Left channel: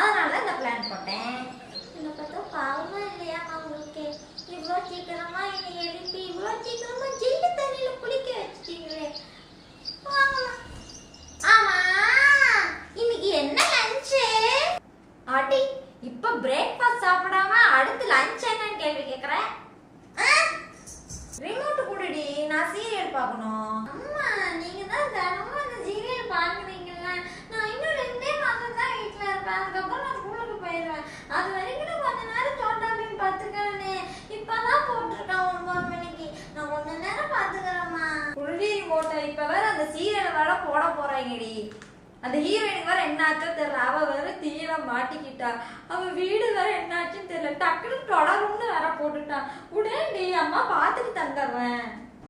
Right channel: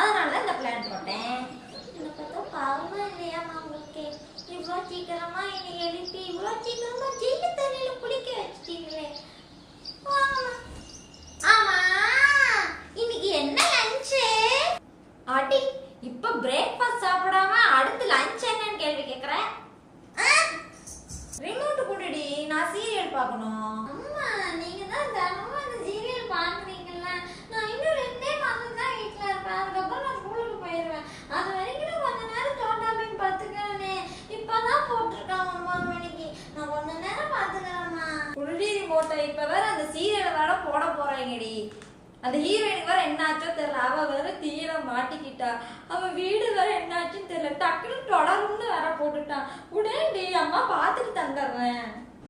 அதனால இந்த பிளான் போட்டேன். இதை பார்த்தா பாவமா இல்லையாம்மா உங்களுக்கு? இவ்வளோ சீக்கிரமா என்னை எழுப்பி இவ்வளோ சீக்கிரமா ஜெயில தண்ணியில குளிக்க வச்சிட்டீங்களே. ஆமா, இன்னைக்கு என்ன லஞ்சு? அடி, இப்ப பிரேக்ஃபாஸ்ட் சாப்பிடாம அடுத்து லஞ்ச் என்னன்னு கேள்வி கேக்குறேன். ரிமோட் குடுடி, நான் சீரியல் பார்க்கணும். அம்மா, நீங்க தான் தினமும் அந்த சீரியல் பாக்குறீங்கல்ல. நான் இன்னும் 2 மாசம் தான் வீட்டுல இருப்பேன். அதுக்கப்புறம் நான் ஸ்கூலுக்கு போயிடுவேன். அது வரைக்கும் கொஞ்ச நேரம் சோட்டா பீம் பாத்துக்கிறேனே. இப்பதான் போட்டிருக்கேன் 9 மணிக்கு. நான் கொஞ்ச நேரம் பாத்துக்கிறேம்மா. குடுடி ரிமோட்டை. இப்ப வேற அந்த சீரியலை வேற போட போறாங்கடி. அந்த ஹீரோயினுக்கு வேற என்னாச்சோ தெரியல. அவ வேற தீயில மாட்டிக்கிட்டா. அவ வீடு வேற என்னாச்சுன்னு தெரியல. டக்குனு தொடரும்னு வேற போட்டுட்டான். உடனே அம்மா பாத்துட்டு தந்துடுறேன்.